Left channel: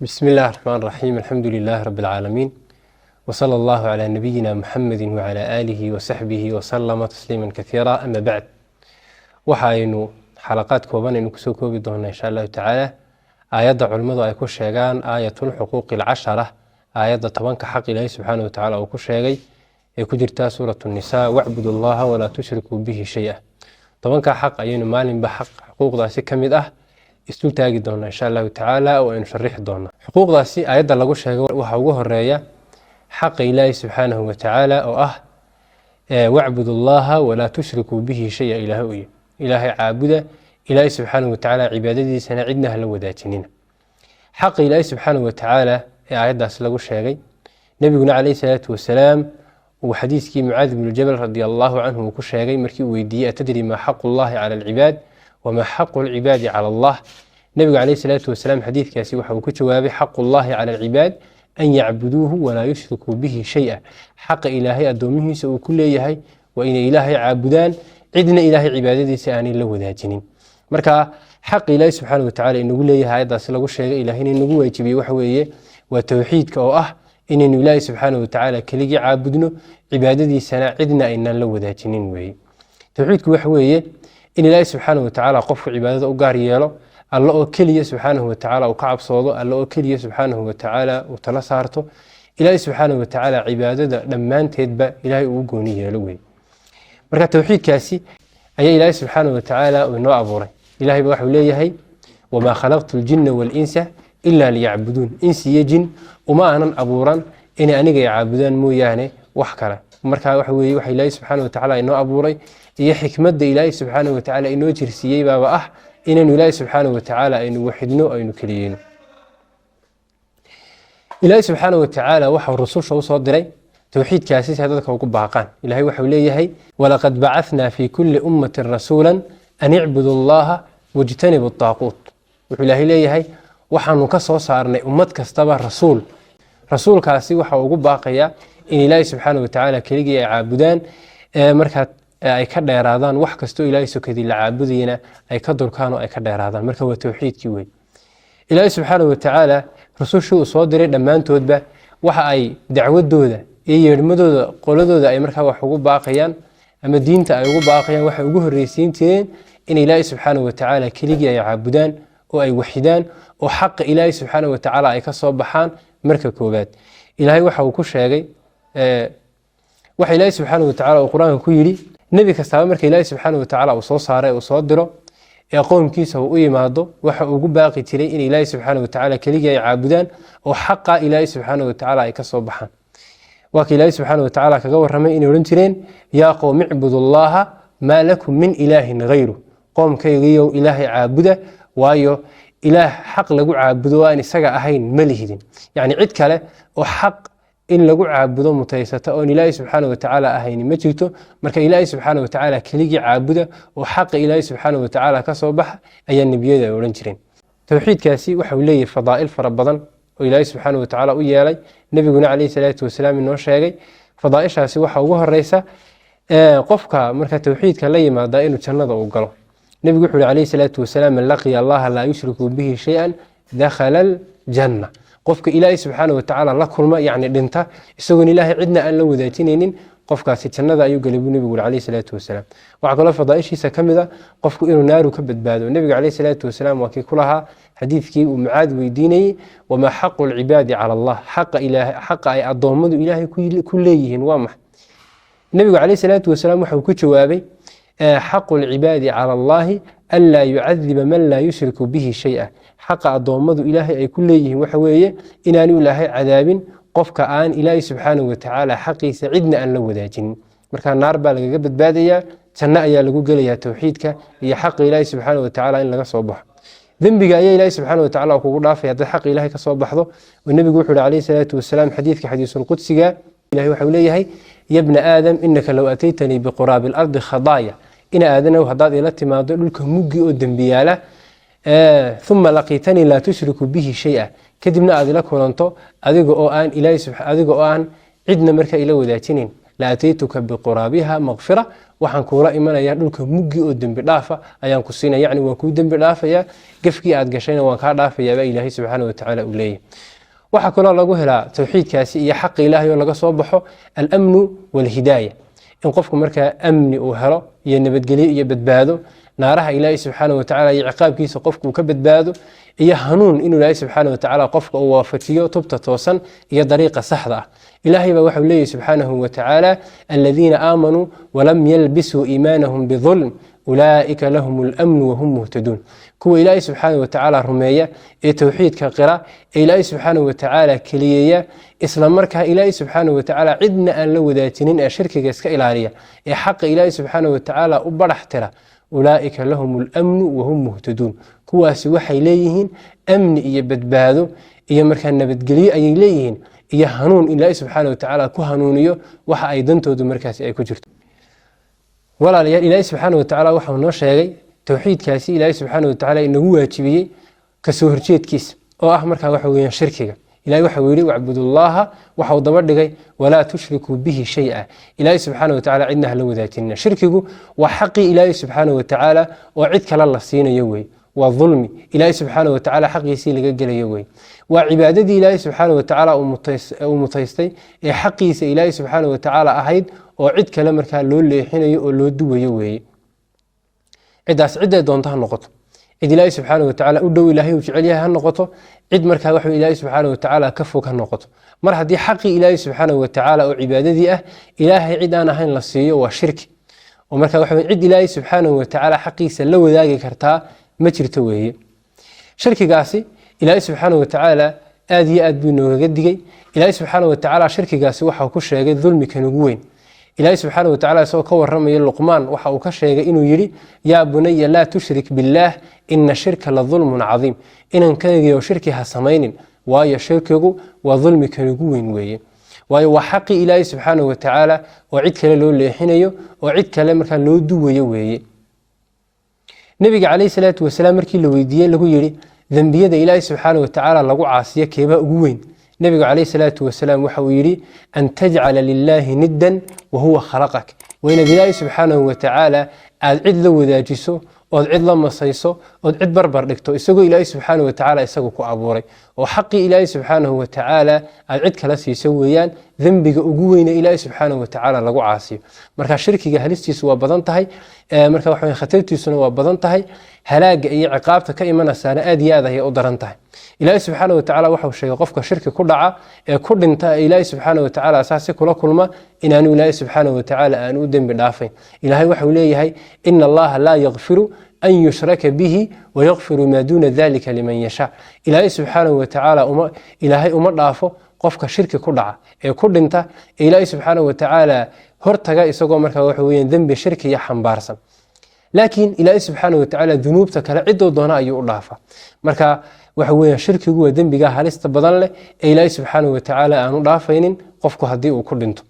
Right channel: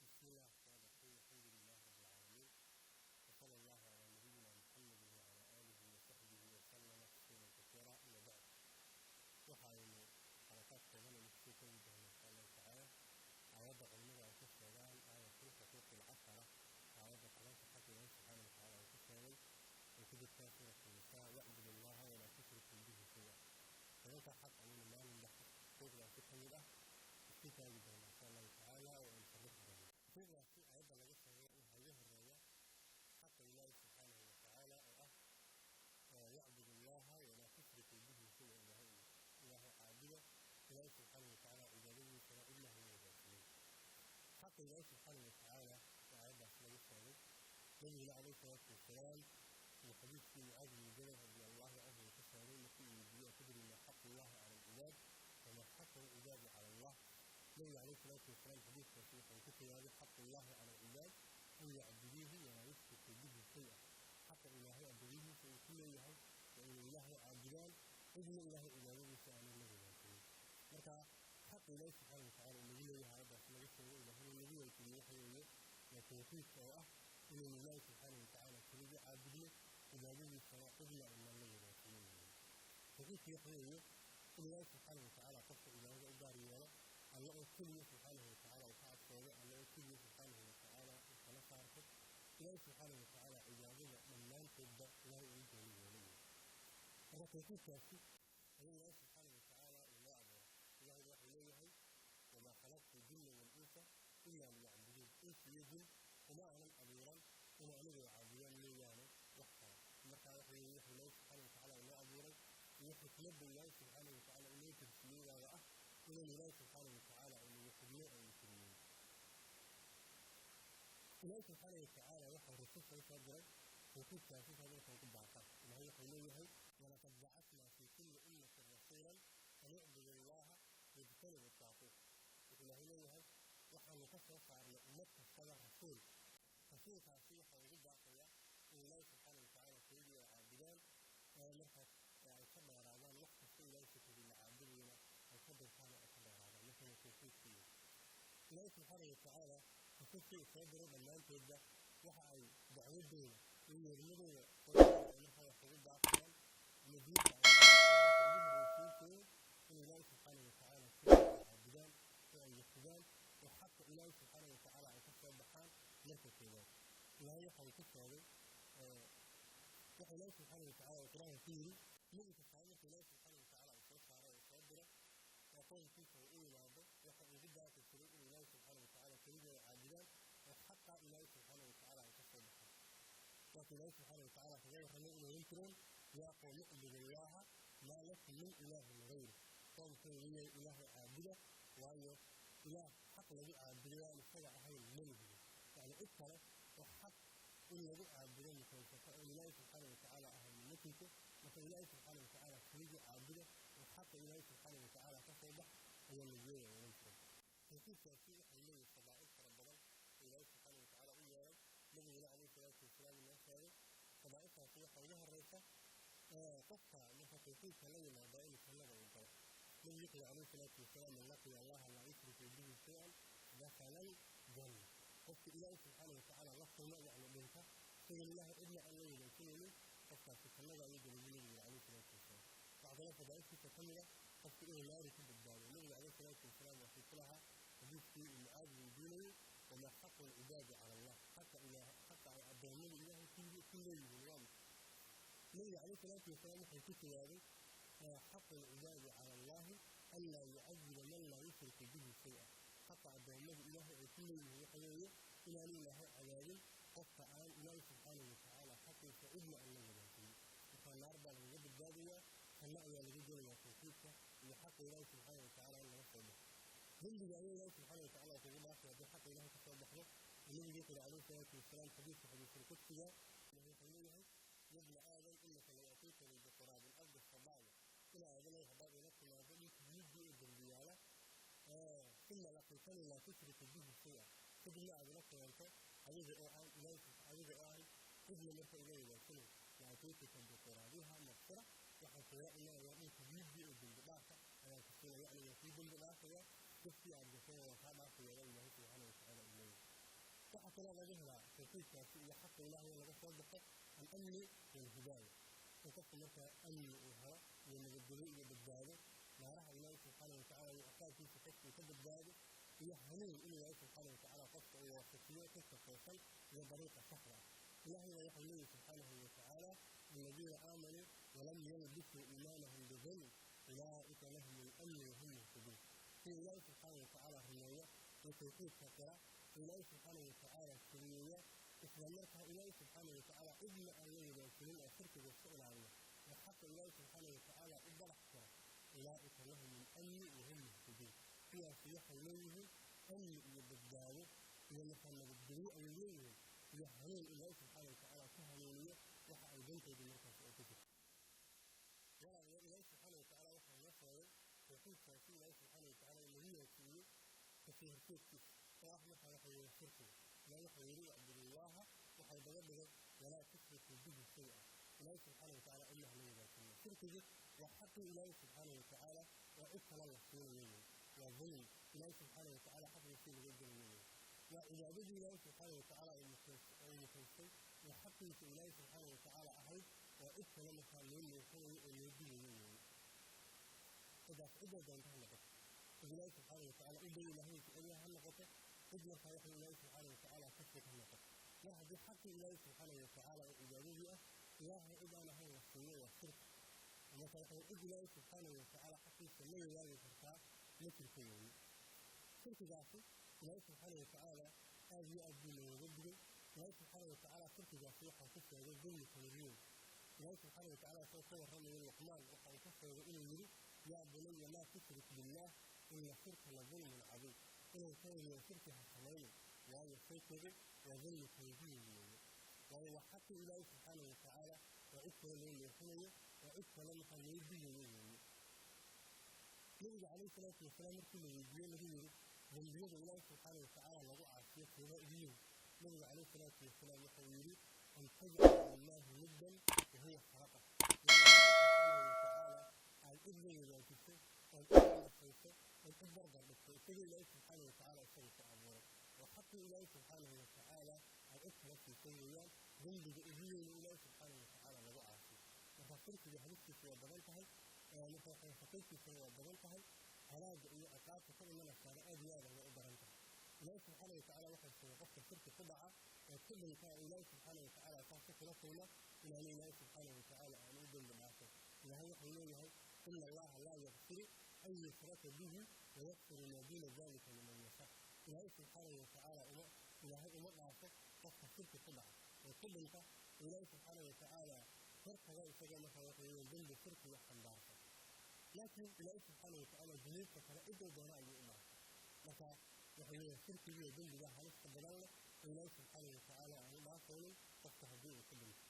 بسم الله الرحمن الرحيم. الحمد لله رب العالمين، وصلى الله على نبينا محمد وعلى آله وصحبه وسلم تسليما كثيرا. أما بعد، waxaynu xalaqaad kooban aynu kusoo koobi doonaa insha allahu tacaala aayadda culimmadu ay ku sheegaan aayatul xuquuqi alcashara, aayadda 10ka xaq ilaahay subxaana wa tacaala uu ku sheegay ee ku jirtaa suuratu nisaa, wacbudu allaha walaa tushrikuu bihi shay-a. 10ka xaq ayaynu maalinba xaq xuquuqdaasi ka mid ah isdul taagi doonaa insha allahu tacaala oo aynu sharixi doonaa. xuquuqdaasi aayadda lagu sheegay waxaa ugu horeeya xaqa ilaahay subxaanahu wa tacaala oo ah wacbudu allaha walaa tushrikuu bihi shay-a. ilaahay caabuda, ilaahay subxaanahu watacaala cibaadadiisana cidna hala wadaajinina. xaqa ilaahay subxaanahu watacaala ee aayaddaas lagu sheegay, nebiguna calayhi salaatu wasalaam uu xadiiskii mucaad ibnu jabal radi allahu canhu uu ku sheegay markii uu weydiiyey atadri maa xaqu llahi cala alcibaad wamaa xaqu alcibaadi cala allah. nebigu calayhi salaatu wasalaam xadiidkaasi waxa uu ku jawaabay xaqu llahi cala alcibaad an yacbuduuhu walaa yushrikuu bihi shay-a. xaqa ilaahay addoomihiisa uu ku leeyahay waa inay ilaahay caabudaan, cidna ilaahay cibaadadiisa aanay la wadaajinin. marka xaq ilaahay subxaana watacaala inagu leeyahay aayaddaasi lagu sheegay, ilaahayna inagu waajibiyey waxa weeye waa towxiidka oo ah inaynu ilaahay subxaana watacaala keligii caabudno, cibaadadiisana cidna aynaan la wadaajinin weeye. towxiidku waxa weeye in ilaahay subxaana watacaala qofku cibaadada u gaar yeelo, alla oo keliya subxaanahu watacaala uu ka cabsoodo, alla oo keliya subxaanahu watacaala uu tala saarto, ilaahay subxaanahu watacaala cibaadada dhammaanteedba ilaahay uu gooni yeelo weeye. marka towxiidkaasi ayaa ilaahay subxaanahu watacaala uu inoo abuuray. ilahay ba waxuu leeyahay wamaa khalaqtu ljinna waalinsa ilaa liyacbuduun. insi iyo jin uma aanan abuuran inay aniga caabudaan mooyaane wax kale. marka waxa weye waxa ilaahay subxaanahu watacaala inoo abuuray iyo xikmadda ilaahay subxaanahu watacaala inoo jirsiiyey baaba ah inaynu ilaahay subxaanahu watacaala aynu waxidno, aynu keliyeyno. ilaahay subxaanahu watacaala waxau rususha usoo diray towxiidkaasi si ay dadka ugu baaqaan. ilahay waxau leeyahay walaqad bacanaa fi kuli ummatin rasuula an icbudu allaha wajtanibu daaquut. wuxuu ilaahay leeyahay waxaanu ka soo saarnay ummad kastaba rasuul. rasuulkaasi waxa ugu baaqaya in ilaahay subxaana watacaala keligii ay caabudaan, markaa ay ka dheeraadaan wax kastoo ilaahay sokadii la caabudayana ay ka durkaan oo ay ka dheeraadaan. marka waa towxiidkii wey. ilaahay subxaana watacaala rusushii uu soo diray dhammaantoodba waxa ay dacwadooda iyo yeedhmadooda qoladooda ay markaa wax ugu baaqayaan ama diinta ay ugu baaqayaan waxay ugu horreysiin jireen in ilaahay subxaana watacaala keligii ay caabudaan oo ay waxidaan oo xaqa ilaahay subxaana watacaala ay ka soo baxaan. marka koowaad ilaahay waxa uu ku sheegay waxa ilaahay subxaana watacaala uu qur-aanka ku yidhi nebi kastaaba marka ilaahay subxaana watacaala uu soo saaray uu soo diro ee qoomkiisa uu u yimaado waxa ugu baaqi jiray in ilaahay subxaana watacaala keligii ay caabudaan oo xaqa ilaahay subxaana watacaala ay ka soo baxaan. waa ka ilaahay subxaana watacaala kaga warramay inay odhan jireen yaa qowm icbudu llaha maa lakum min ilaahin hayru. qoomkaygiiyow ilaahay caabuda, waayo ilaah xaq lagu caabudo aan isaga ahayn ma lihidin. yacni cid kale oo xaq in lagu caabudo mutaysata oon ilaahay subxaana watacaala ahayni ma jirto. marka ilaahay subxaana watacaala keligii caabuda oo xaqa ilaahay subxaana watacaala ka soo baxa ayaa nebiyada ay odhan jireen. towxiidkaasi waxau leeyahay fadaa'il fara badan oo ilaahay subxaana watacaala u yeelay, nebiguna calayhi salaatu wasalaam inoo sheegay. fadaa'ishaasi waxaa ugu horeysa qofka marka towxiidka la yimaada inuu jannada uu galo. nebigu wuxuu yihi calayhi salaatu wasalaam man laqiya allaha laa yushriku bihi shay-an dakhala aljanna. qofka ilaahay subxaana watacaala la kulma, yacni dhinta isagoon ilaahay cidna aan la wadaajinaynin, qofkaasi jannada ayuu galay buu nebigu yuri calayhi salaatu wasalaam. waxaa kaloo fadaa'ishiisa ka mid a qofku inuu naaru ka badbaado. nebiga calayhi salaatu wasalaam waa kii ku lahaa xadiidkii uu mucaad weydiinayey wamaa xaqu alcibaadi cala allah. xaqa ay addoommadu ilaahay ku leeyihiin waa maxay? nebigu calayhi salaatu wasalaam waxau ku jawaabay xaqu alcibaadi cala allahi an laa yucadiba man laa yushriku bihi shay-a. xaqa addoommadu ilaahay ay ku leeyihiin waxa weeye inaanu ilaahay cadaabin qofka aan ilaahay subxaanahu watacaala xaqiisa cidna aan la wadaajinin. marka naar baa lagaga badbaadayaa, janno ayaa lagu gelayaa towxiidka iyo xaqa ilaahay subxaana watacaala in laga soo baxo. dembiga ayaa ilaahay subxaana watacaala kugu dhaafaya haddaad xaqa ilaahay ka soo baxdo. oo nebigu wuxuu yihi calayhi salaatu wasalaam xadiidka xadiisulqudsiga, ilahay waxau leeyahay ya bna aadam inaka low ataytanii biquraabi alardi khadaaya. ina aadanow haddaad ila timaado dhulka muggi oo dembiyaala uma laqiitanii laa tushriku bihi shay-a, kadibna aad ila kulanto adiga oo aan cidna marka ila wadaajinin la ataytuka biquraabiha maqfira waxaan kuula imanayaa dhulka muggi oo dembi dhaafa ayaan ku siinaya, yacni waan kuu dembi dhaafayaa, gafkii aad gashayna waan kaa dhaafayaa baa ilaahay subxaana wa tacaala uu leeyahay. waxaa kaloo lagu helaa tawxiidkaasi iyo xaqi ilaahay oo laga soo baxo alamnu walhidaaya, in qofku markaa amni uu helo iyo nabadgelyo iyo badbaado, naaraha ilaahay subxaana wa tacaala iyo ciqaabkiisa qofku uu ka badbaado, iyo hanuun inuu ilaahay subxaana wa tacaala qofka uu waafajiyo tubta toosan iyo dariiqa saxda ah. ilaahay baa waxau leeyahy subxaanahu wa tacaala aladiina aamanuu walam yalbisuu iimaanahum bidulm ulaa'ika lahum اlamnu wahum muhtaduun. kuwa ilaahay subxaana wa tacaala rumeeya ee tawxiidka qira ee ilaahay subxaana wa tacaala keliyeeya, isla markaa ilaahay subxaana wa tacaala cidna aan la wadaajinin ee shirkiga iska ilaaliya ee xaqa ilaahay subxaana wa tacaala u badhax tira, ulaa'ika lahum اlamnu wahum muhtaduun. kuwaasi waxay leeyihiin amni iyo badbaado iyo markaa nabadgelyo ayay leeyihiin iyo hanuun ilaahay subxaana wa tacaala ku hanuuniyo waxa ay dantoodu markaasi ay ku jirto. walaalayaal, ilaahay subxaana wa tacaala waxau noo sheegay tawxiidkaasi ilaahay subxaana wa tacaala inagu waajibiyey kasoo horjeedkiisa oo ah markaa waxa weeyaan shirkiga. ilahay waxau yidhi wacbudullaaha, waxau daba dhigay walaa tushrikuu bihi shay-a. ilaahay subxaana wa tacala cidna hala wadaajinina. shirkigu waa xaqii ilaahay subxaana wa tacaala oo cid kale la siinayo wey, waa dulmi ilaahay subxaana wa tacaala xaqiisii laga gelayo wey, waa cibaadadii ilaahay subxaana wa tacaala uu mutaystay ee xaqiisa ilaahay subxaana wa tacaala ahayd oo cid kale markaa loo leexinayo oo loo duwayo weeye. ciddaas cidday doonto ha noqoto, cid ilaahay subxaana wa tacaala u dhow ilaahay uu jecel yahay ha noqoto, cid markaa wax ilaahay subxaana wa tacaala ka fog ha noqoto. mar haddii xaqii ilaahay subxaana wa tacaala oo cibaadadii ah ilaahay cid aan ahayn la siiyo waa shirki, oo markaa waxa cid ilaahay subxaana wa tacaala xaqiisa la wadaagi kartaa ma jirto weeye. shirkigaasi ilaahay subxaana wa tacaala aad iyo aad buu noogaga digay. ilaahay subxaana wa tacaala shirkigaasi waxau ku sheegay dulmikan ugu weyn. ilaahay subxaana wa tacala isagoo ka warramaya luqmaan waxa uu ka sheegay inuu yidhi yaa bunaya laa tushrik billaah ina shirka la dulmun cadiim, inankaygiyo shirki ha samaynin, waayo shirkigu waa dulmikan ugu weyn weeye. waayo waa xaqii ilaahay subxaana wa tacaala oo cid kale loo leexinayo oo cid kale markaa loo duwayo weeye. nebiga calayhi salaatu wasalaam markii la weydiiyey lagu yidhi dembiyada ilaahay subxaana wa tacaala lagu caasiyo keebaa ugu weyn, nebigu calayhi salaatu wasalaam waxa uu yidhi an tajcala lilaahi niddan wa huwa khalaqak, waa inaad ilaahay subxaanahu wa tacaala aad cid la wadaajiso ood cid la masayso ood cid barbar dhigto isagoo ilaahay subxaana wa tacaala isagu ku abuuray, oo xaqii ilaahay subxaanahu wa tacaala aad cid kala siiso weeyaan dembiga ugu weyne ilaahay subxaanahu wa tacaala lagu caasiyo. marka shirkiga halistiisu waa badan tahay, marka waxa khatartiisuna waa badan tahay, halaaga iyo ciqaabta ka imanaysaana aad iyo aad ayay u daran tahay. ilaahay subxaana wa tacaala waxau sheegay qofka shirki ku dhaca ee ku dhinta ee ilaahay subxaana wa tacaala asaasi kula kulma inaanu ilaahay subxaana wa tacaala aanu u dembi dhaafayn. ilaahay waxau leeyahay ina allaha laa yakfiru an yushraka bihi wayakfiru maa duuna dalika liman yashaa. ilaahay subxaana wa tacaala ilaahay uma dhaafo qofka shirki ku dhaca ee ku dhinta ee ilaahay subxaana wa tacaala hortaga isagoo markaa waxa weeyaan dembi shirkiya xambaarsan. laakiin ilaahay subxaana wa tacaala dunuubta kale ciduu doona ayuu u dhaafa. marka waxa weeyaan shirkigu waa dembiga halista badan leh ee ilaahay subxaana wa tacaala aanu dhaafaynin qofku haddii uu ku dhinto.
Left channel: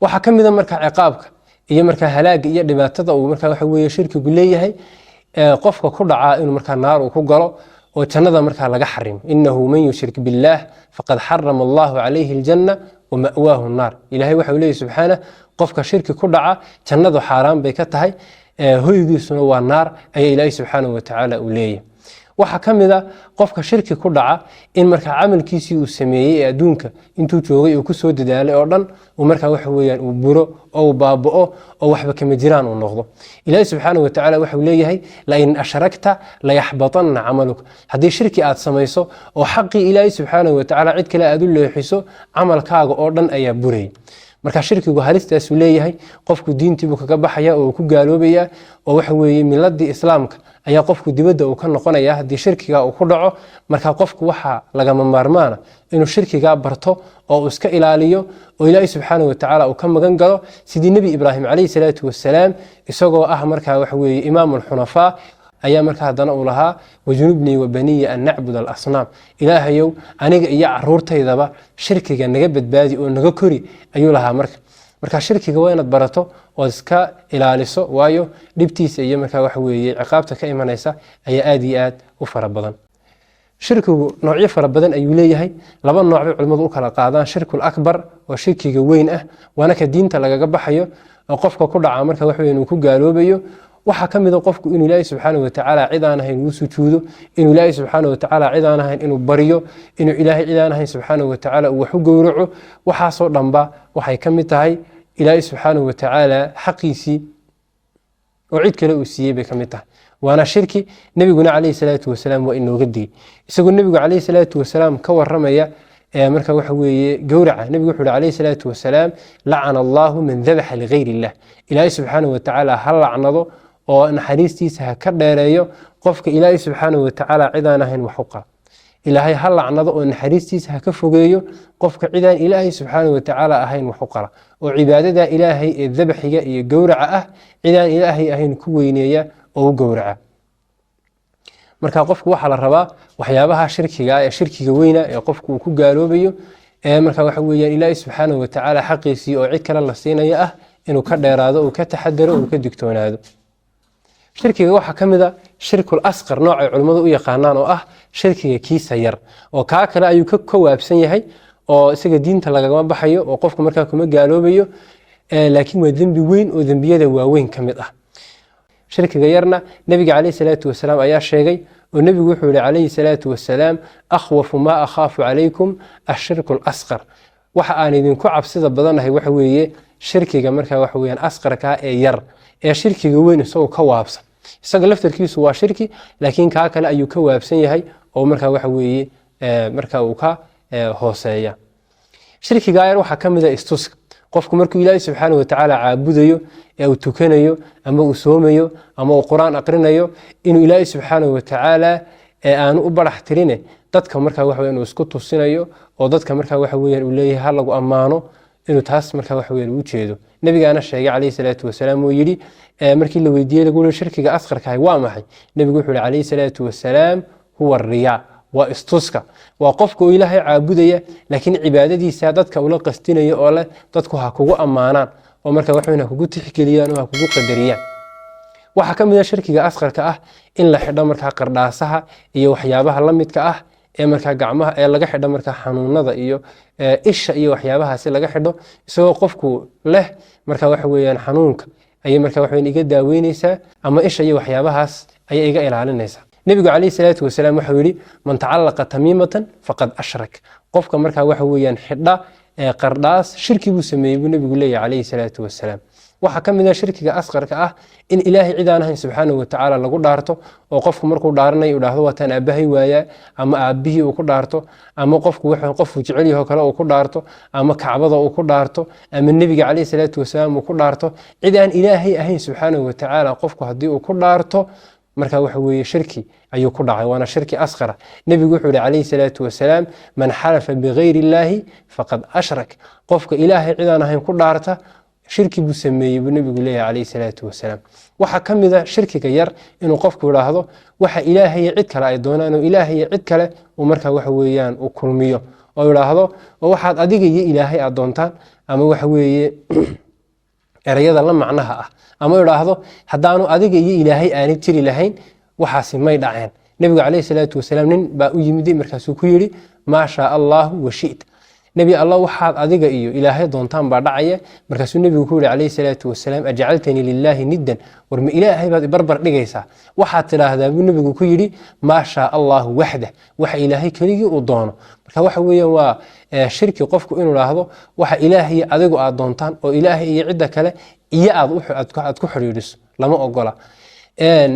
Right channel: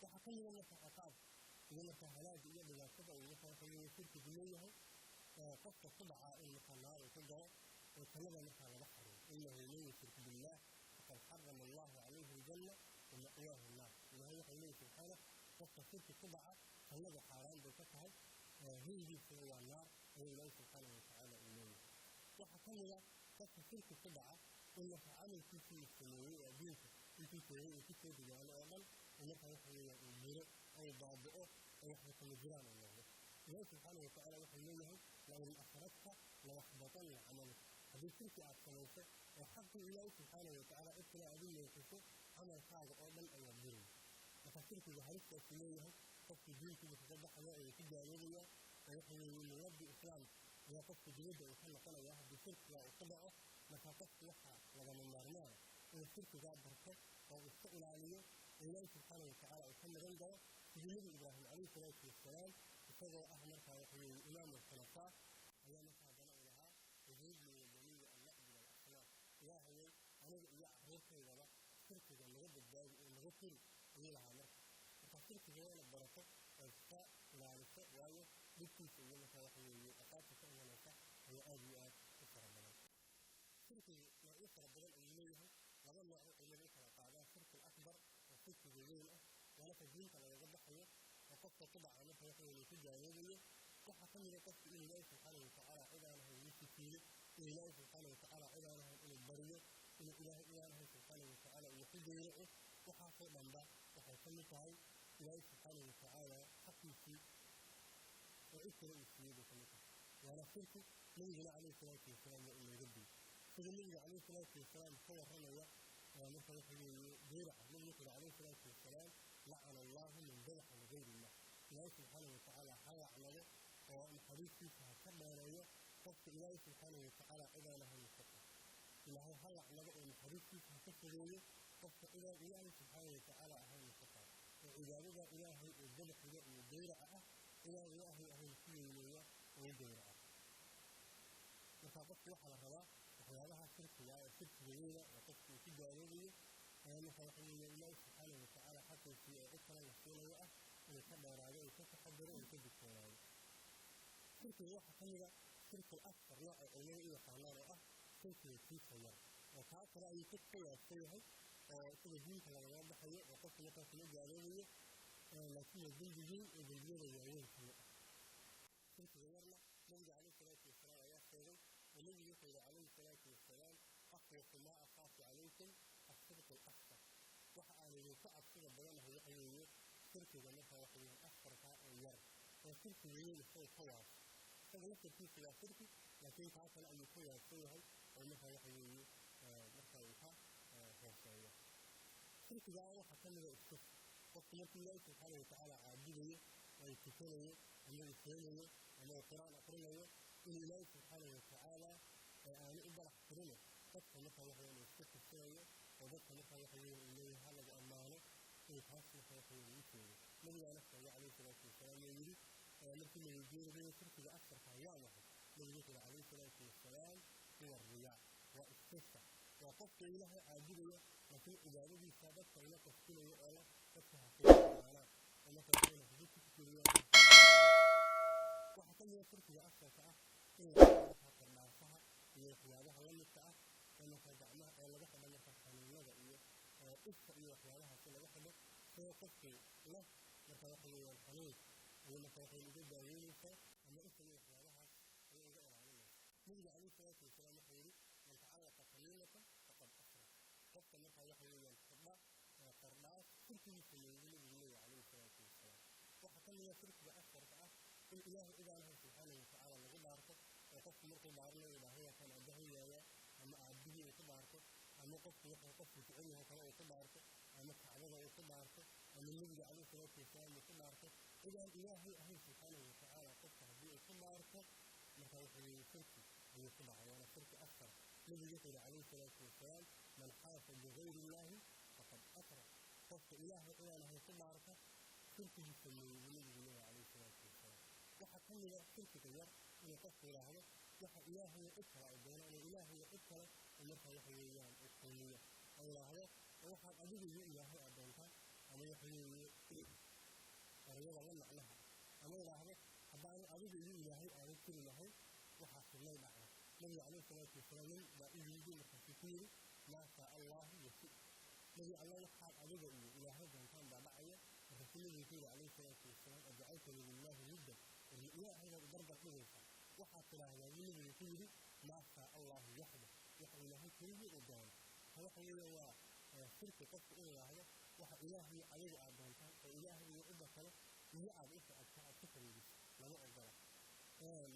waxaa ka mida marka ciqaabka iyo markaa halaaga iyo dhibaatada uu markaa waxa weeye shirkigu leeyahay qofka ku dhacaa inuu markaa naar uu ku galo oo jannada markaa laga xarimo. inahu man yushrik billaah faqad xarama allahu calayhi aljanna wama'waahu nnaar. ilaahay waxa uu leeyahy subxaana qofka shirki ku dhaca jannadu xaaraan bay ka tahay, hoygiisuna waa naar ayaa ilaahay subxaana wa tacaala uu leeyahay. waxaa ka mid a qofka shirki ku dhaca in markaa camalkiisii uu sameeyey ee adduunka intuu joogay uu kusoo dadaalay oo dhan uu markaa waxa weeyaan uu buro oo uu baaba'o oo waxba kama jiraan uu noqdo. ilaahay subxaana wa tacaala waxau leeyahay lain ashragta layaxbatanna camaluk, haddii shirki aad samayso oo xaqii ilaahay subxaana wa tacaala cid kale aad u leexiso camalkaaga oo dhan ayaa burayay. marka shirkigu halistaasuu leeyahay, qofku diintiibuu kaga baxaya oo uu ku gaaloobaya oo waxa weeye miladii islaamka ayaa qofku dibadda uu ka noqonaya haddii shirkiga uu ku dhaco. marka qofku waxaa lagama maarmaana inuu shirkigaa barto oo uu iska ilaaliyo oo ilaahay subxaana wa tacaala uu ka magan galo, sidii nebi ibraahim calayhi salaatu wasalaam isagoo ah markaa waxa weeye imaamu alxunafaa ayaa markaa haddana uu lahaa wajunubnii wabaniya an nacbud alasnaam, ilaahayow aniga iyo caruurtaydaba shirkiga naga badbaadi oo naga kori ayuu lahaa. marka shirkiga waa inaad barato ood iska ilaaliso, waayo dhibtiisa iyo markaa waxa weeye ciqaabta ka imanaysa ayaa aad iyo aad u fara badan. shirkigu noocyo fara badan ayuu leeyahay. laba nooc bay culimmadu u kala qaadaan. shirkul akbar oo shirkiga weyn ah waana ka diinta lagaga baxayo qofka ku dhaca marka wax weyn uu ku gaaloobayo waxa kamid ah qofku inuu Ilaahay subhanahu wa ta'ala cid aan ahayn uu sujuudo inuu Ilaahay subhanahu wa ta'ala cid aan ahayn inuu bariyo inuu Ilaahay cid aan ahayn subhanahu wa ta'ala uu wax u gowraco waxa soo dhanba waxay kamid tahay Ilaahay subhanahu wa ta'ala xaqiisi oo cid kale uu siiyay bay kamid tahay waana shirki nabiguna kaleey salaatu wasalaam waa inoo gadiyay isagoo nabigu kaleey salaatu wasalaam ka waramaya marka waxa weeye gowraca nabigu wuxuu kaleey salaatu wasalaam la'ana Allahu man dhabaha li ghayri Allah Ilaahay subhanahu wa ta'ala hal la'nado oo naxariistiisa ka dheereeyo qofka Ilaahay subhanahu wa ta'ala cidaan ahayn wax u qaba Ilaahay hal la'nado oo naxariistiisa ka fogeeyo qofka cidaan Ilaahay subhanahu wa ta'ala ahayn wax u qaba oo cibaadada Ilaahay ee dhabaxiga iyo gowraca ah cidaan Ilaahay ahayn ku weyneeya oo gowraca marka qofku waxa la rabaa waxyaabaha shirkiga ee shirkiga weyna ee qofku uu ku gaaloobayo marka waxa weeyaan Ilaahay subhanahu wa ta'ala xaqiisi oo cid kale la siinayo ah inuu ka dheeraado oo ka taxadaro oo ka digtoonaado shirkiga waxa kamid ah shirkul asqar nooc ay culimadu u yaqaanaan oo ah shirkiga kiisa yar oo ka kale ayuu ka koobsan yahay oo isaga diinta laga baxayo oo qofku markaa kuma gaaloobayo laakiin waa dambi weyn oo dambiyada waaweyn kamid ah shirkiga yarna nabiga kaleey salaatu wasalaam ayaa sheegay oo nabigu wuxuu yiri kaleey salaatu wasalaam akhwafu ma akhafu alaykum ash-shirkul asqar waxa aan idinku cabsida badanahay waxa weeye shirkiga markaa waxa weeyaan asqarka ee yar ee shirkiga weyn soo ka waabsan isaga laftarkiisu waa shirki laakiin ka kale ayuu ka waabsan yahay oo markaa waxa weeye markaa uu ka hooseeya shirkiga yar waxa kamid ah istuska qofku markuu Ilaahay subhanahu wa ta'ala caabudayo ee uu tukanayo ama uu soomayo ama uu quraan aqrinayo inuu Ilaahay subhanahu wa ta'ala aanu u barax tirine dadka markaa waxa weeyaan uu isku tusinayo oo dadka markaa waxa weeyaan uu leeyahay hal lagu amaano inuu taas markaa waxa weeyaan u jeedo nabigaana sheegay kaleey salaatu wasalaam oo yiri markii la weydiiyay lagu shirkiga asqarka waa maxay nabigu wuxuu yiri kaleey salaatu wasalaam huwa riyaa waa istuska waa qofka uu Ilaahay caabudaya laakiin cibaadadiisa dadka uu la qastinayo oo leh dadku ha kugu amaanaan oo markaa wax weyn kugu tixgeliyaan oo kugu qadariyaan waxa kamid ah shirkiga asqarka ah in la xidho markaa qardhaasaha iyo waxyaabaha la midka ah ee markaa gacmaha ee laga xidho markaa xanuunada iyo isha iyo waxyaabahaas laga xidho isagoo qofku leh markaa wax weeyaan xanuunka ay markaa wax weyn iga daaweynaysa ama isha iyo waxyaabahaas ay iga ilaalinaysa nabigu kaleey salaatu wasalaam wuxuu yiri man ta'allaqa tamimatan faqad ashrak qofka markaa wax weeyaan xidha qardhaas shirki buu sameeyay nabigu leeyahay kaleey salaatu wasalaam waxa kamid ah shirkiga asqarka ah in Ilaahay cid aan ahayn subhanahu wa ta'ala lagu dhaarto oo qofku markuu dhaaranayo uu dhaahdo wataan aabahay waaya ama aabbihi uu ku dhaarto ama qofku wuxuu qofku jecel yahay kale uu ku dhaarto ama kacbada uu ku dhaarto ama nabiga kaleey salaatu wasalaam uu ku dhaarto cid aan Ilaahay ahayn subhanahu wa ta'ala qofku hadii uu ku dhaarto marka waxa weeye shirki ayuu ku dhacay waana shirki asqar nabigu wuxuu yiri kaleey salaatu wasalaam man halafa bighayri Ilaahi faqad ashrak qofka Ilaahay cid aan ahayn ku dhaarta shirki buu sameeyay nabigu leeyahay kaleey salaatu wasalaam waxa kamid ah shirkiga yar inuu qofku yiraahdo waxa Ilaahay cid kale ay doonaan oo Ilaahay cid kale oo marka waxa weeyaan uu kulmiyo oo yiraahdo waxaad adiga iyo Ilaahay aad doontaan ama waxa weeye erayada la macnaha ah ama yiraahdo hadaanu adiga iyo Ilaahay aan tiri lahayn waxaasi may dhaceen nabiga kaleey salaatu wasalaam nin baa u yimid markaasuu ku yiri ma sha Allah wa shi'ta nabi Allah waxaad adiga iyo Ilaahay doontaan baa dhacaya markaasuu nabigu ku yiri kaleey salaatu wasalaam aj'altani lillahi niddan war ma Ilaahay baad barbar dhigaysaa waxaad tiraahdaa buu nabigu ku yiri ma sha Allah wahda waxa Ilaahay kaliya uu doono marka waxa weeyaan waa shirki qofku inuu raahdo waxa Ilaahay adigu aad doontaan oo Ilaahay iyo cid kale iyo aad ku xiriiriso lama ogola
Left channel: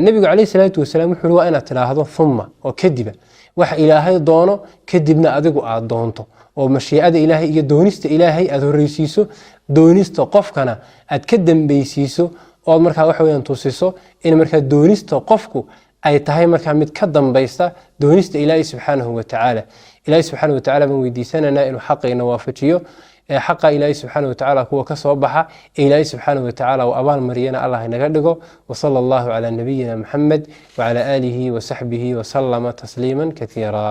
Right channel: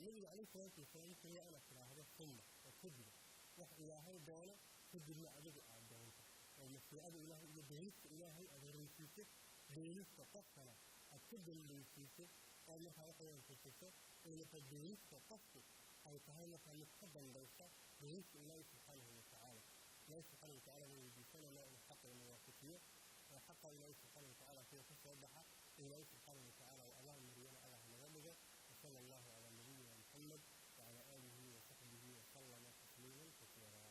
nabigu kaleey salaatu wasalaam wuxuu waa inaad tiraahdo thumma oo kadiba waxa Ilaahay doono kadibna adigu aad doonto oo mashiicada Ilaahay iyo doonista Ilaahay aad horeysiiso doonista qofkana aad ka dambaysiiso oo markaa wax weeyaan tusiso in markaa doonista qofku ay tahay markaa mid ka dambaysta doonista Ilaahay subhanahu wa ta'ala Ilaahay subhanahu wa ta'ala baan weydiisanana inuu xaqeena waafajiyo حق إلهي سبحانه وتعالى هو كصوبها إلهي سبحانه وتعالى وأبان مرينا الله نقدقه وصلى الله على نبينا محمد وعلى آله وصحبه وسلم تسليما كثيرا.